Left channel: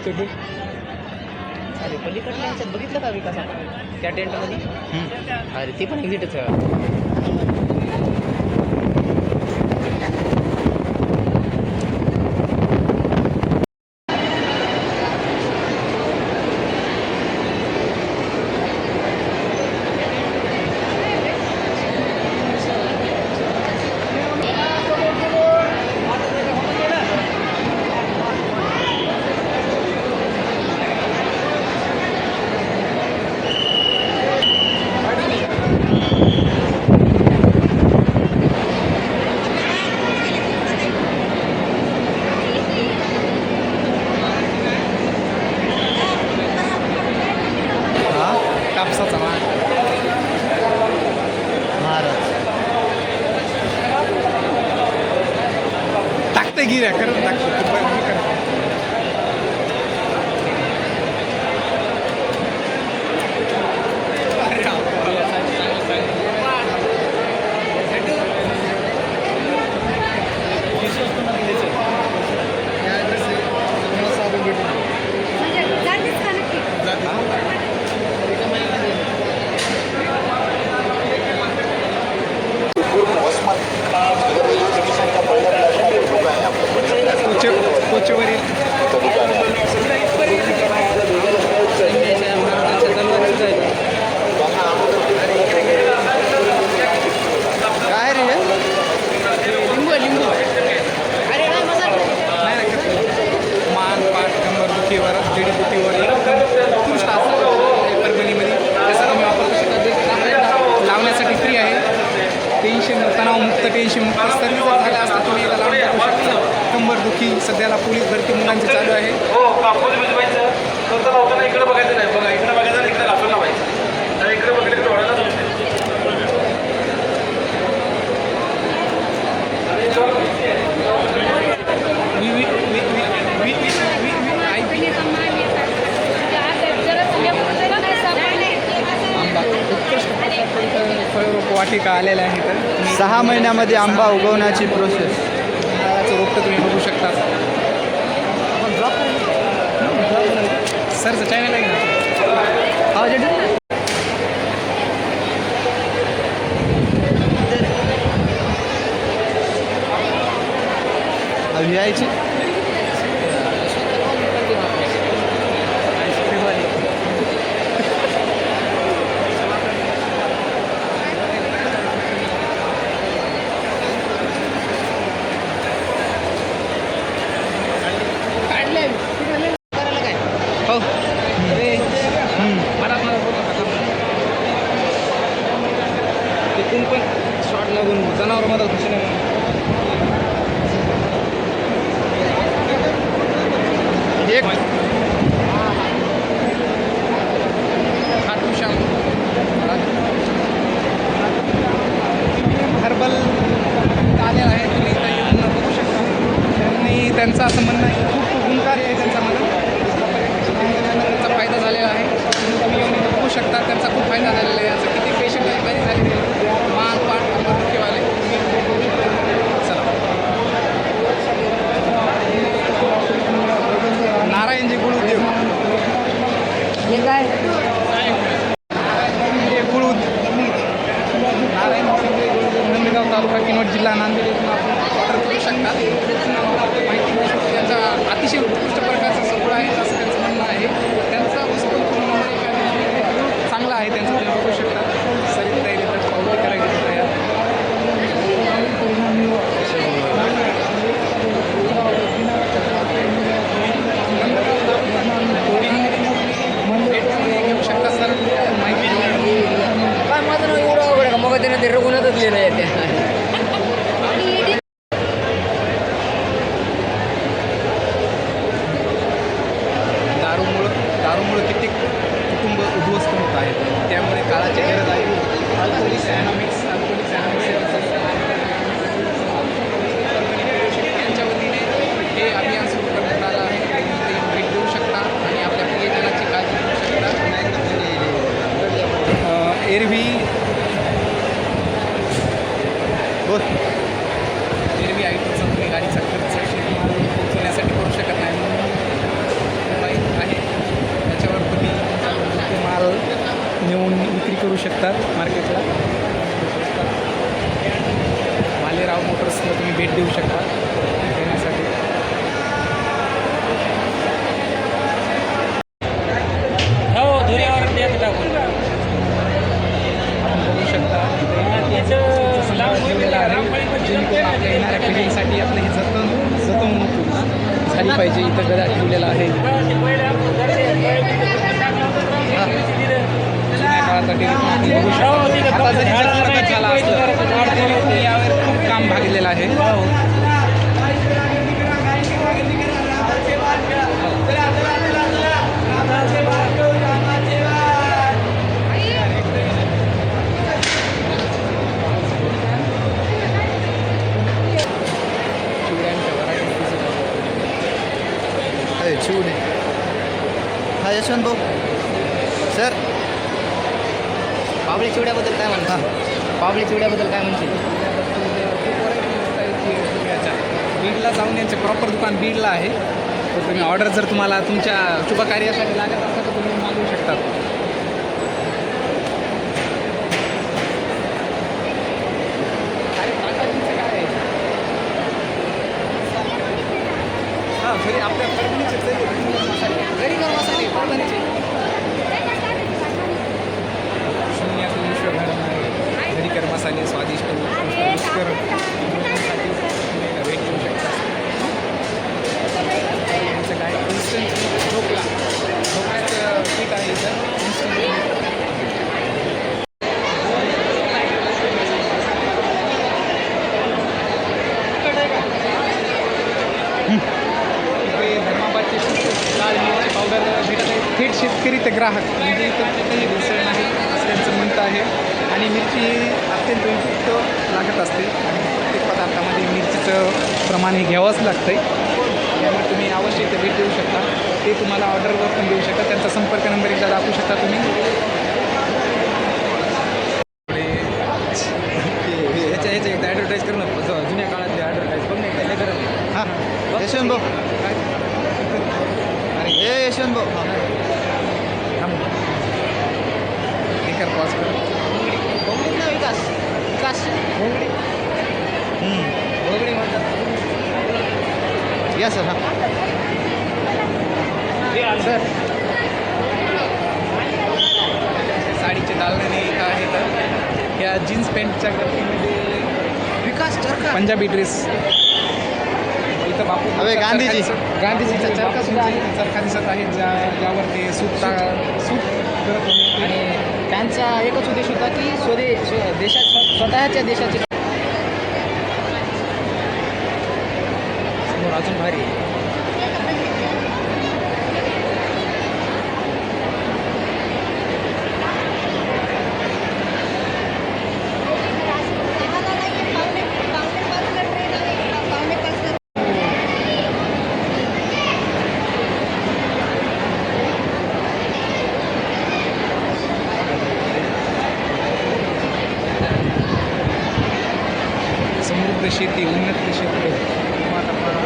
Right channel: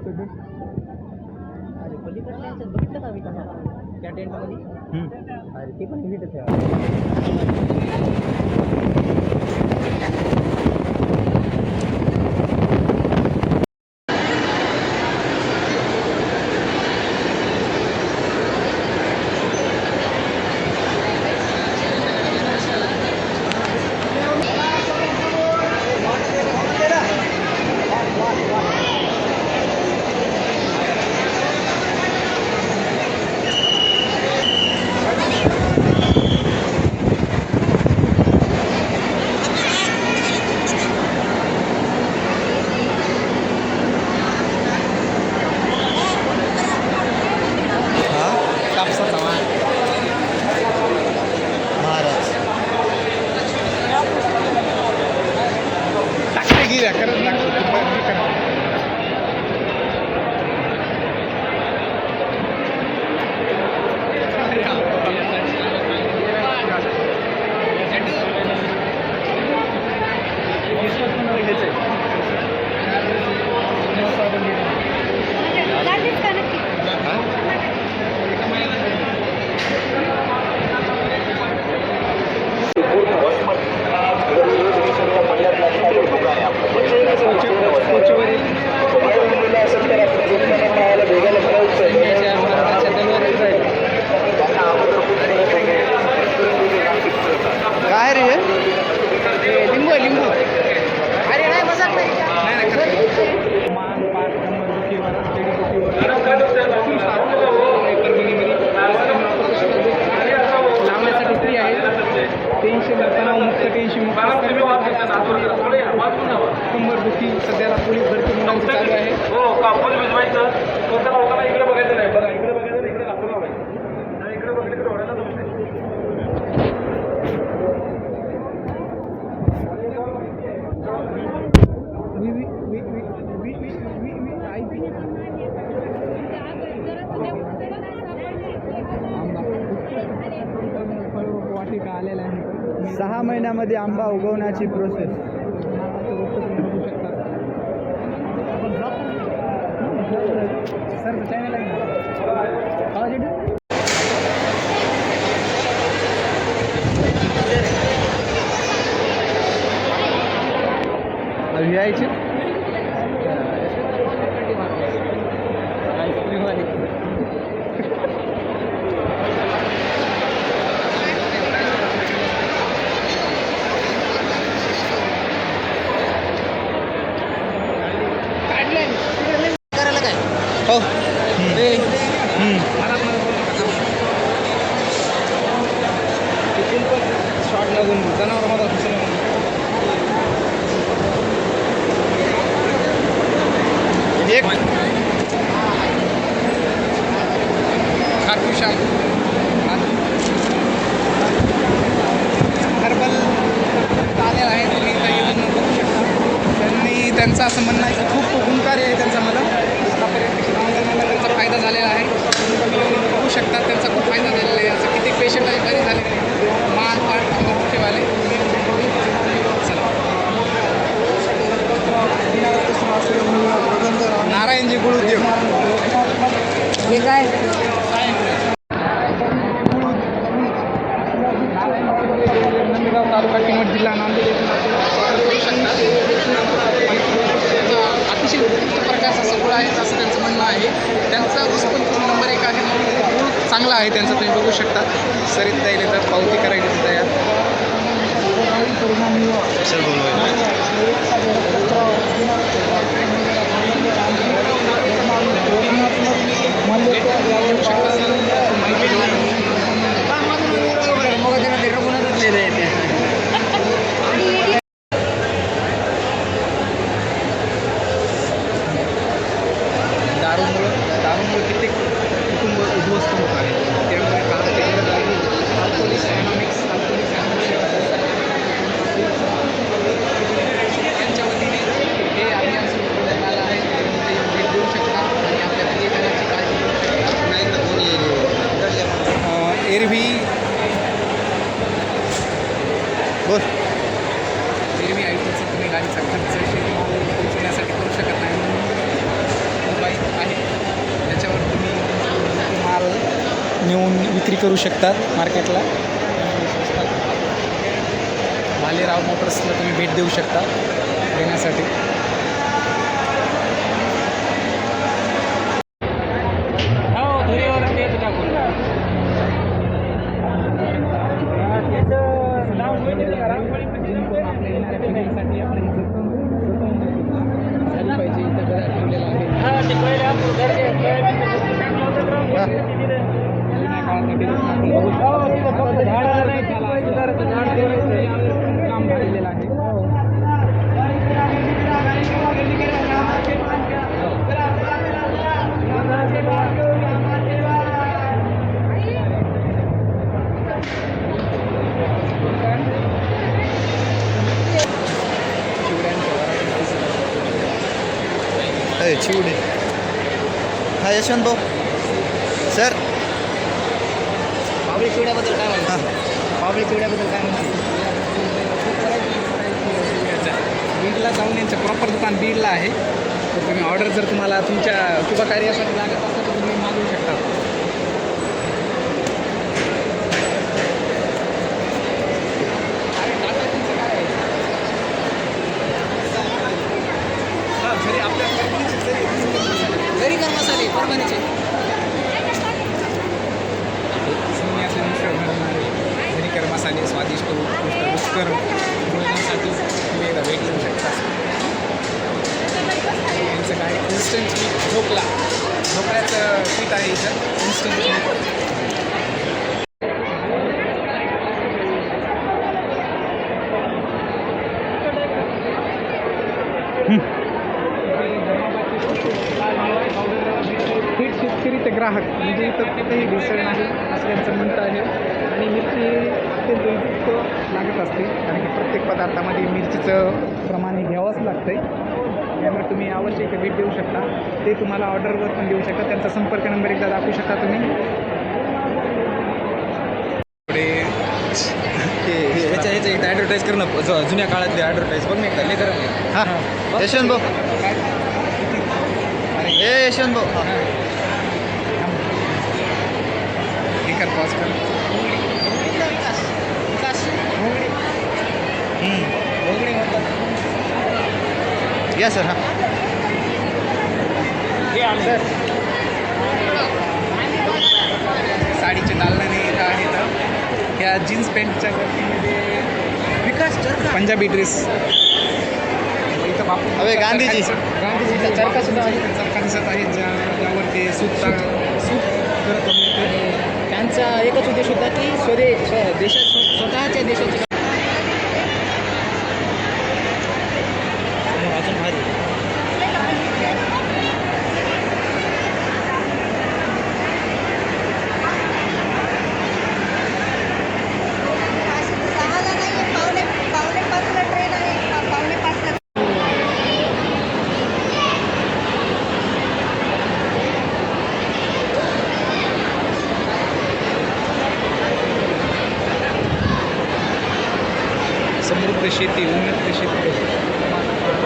कुठे अरे पलीकडल्या ह्याच्यात बघितलं का विकास त्या टेंटमध्ये. अरे ते पण एक्झिटच आहे. Bisa 了 कंबर दुखी सध्याला पोलीस भरती मुलांची चालू आहे. हो कापूस भिजवायचं. नंतर लावताना इकडे बघायचं नाही. बघा इकडे बघायचं इकडे घासून लावायचं. इकडे बघितलं की डोळ्याला सहा महिन्यामध्ये आंबा उगवण्याची प्रोसेस तुम्ही शकता सर यायची खाटू श्याम हर्बल आलेला आहे तुम्ही इथं येऊन बघू शकता. त्यांनी त्यांचं असं म्हणणं आहे की खूप गुणकारी आहे त्यांचा मला. आतापर्यंत शिक्षकांना त्यांचा फायदा झालेला आहे. तुम्ही येऊन इथं बघू शकता. त्यांचा खूप फायदा झालेला आहे. असं किती पेशंट आहे बरे झालेले आहेत मान पाठ कंबर चला. नारायणजी गुळ उद्योग काय? जिल्हा नांदेड येथून अतिशय उत्कृष्ट प्रकारचा सगुळ आहे असं त्यांचं म्हणणं आहे. त्यांचा उत्सव नंबर एक आहे चांगला आहे त्यांचं तुम्ही बघू शकता. सरीत ताईला तर पावती करायची तिथं तयार बोल मी तुम्ही करू शकत नाही आणि त्याच्यावर तुम्ही माल नेऊन विक्री करू शकतात मार्केटला. भालेराव मोटर्सला तुम्ही भेट देऊ शकता देण्यासाठी. पाहिजे इथं गदा ठेवलेला आहे. जुन्या काळासाठी बघू शकता. आता जरी जतन झाला असलं, तरी यावर खूप काम भागलेलं आहे चिवड्यांच्या वराठी दिसत अरे चिवडे हा यशवंत भाऊ सर पावळी चिवड्याबद्दल काय म्हणता? पावळी चिवड्याबद्दल काय म्हणते? बीडला जाऊन यांचं प्रॉपर दुकान बीडला आहे. तर तुम्ही ऑर्डर जर तुम्हाला तुमच्या शुभ कार्यासाठी लागत असेल तर तुम्ही मागवू शकता अरे टाटा जीचं काय आहे हां घरी आपल्या परभणीचे तरी घरी कर मसाले परभणीचे घडणारे घरीकर मसाले स्वादिष्ट उत्कृष्ट एकदा भेट देऊ शकता. यांचं काय? इन्स्टंट ढोकला. ढोकळ्याचं पीठ आहे इथं. इन्स्टंट ग्राहक म्हणजे इथं कुठेही भेसळ नाही असं त्यांचं म्हणतं आहे. आणि मिरची ही अत्यंत उपयुक्त लागत असते कारण की प्रत्येक पदार्थामध्ये मिरचीचं प्रमाण हे घ्यावंच लागतं त्यामुळे तुम्ही अवश्य इथे भेट देऊ शकता. ते तुम्हाला ऑर्डरवर पण देऊ शकता. त्यांचा संपर्क नंबर एकदा दाखवू शकता तुम्ही. पुढे ह्याच्या ॲडव्हर्टाईज करू नको. जुन्या काळातली ॲडव्हर्टाईज बघ मी एकदा लेकर हां यशवंत भाऊ. काय? अरे ए यशवंत भाऊ. थांब हे कर पॉज कर या सर हां. सर साडीचे दालनाने इथं आहेत या जीन्स पॅन्टच्या गर्दीमध्ये विकास पंजाबी ड्रेस इथं बापू अबे, गांधीजी. गांधीजीचा चरखा सुद्धा आहे. चरखा दिसत आहे. ज्या ज्यावर ते सूत सूत करत. एकच उद्देश होता की स्वदे देशा स्वतःच्या देशाची समोर अजून भारी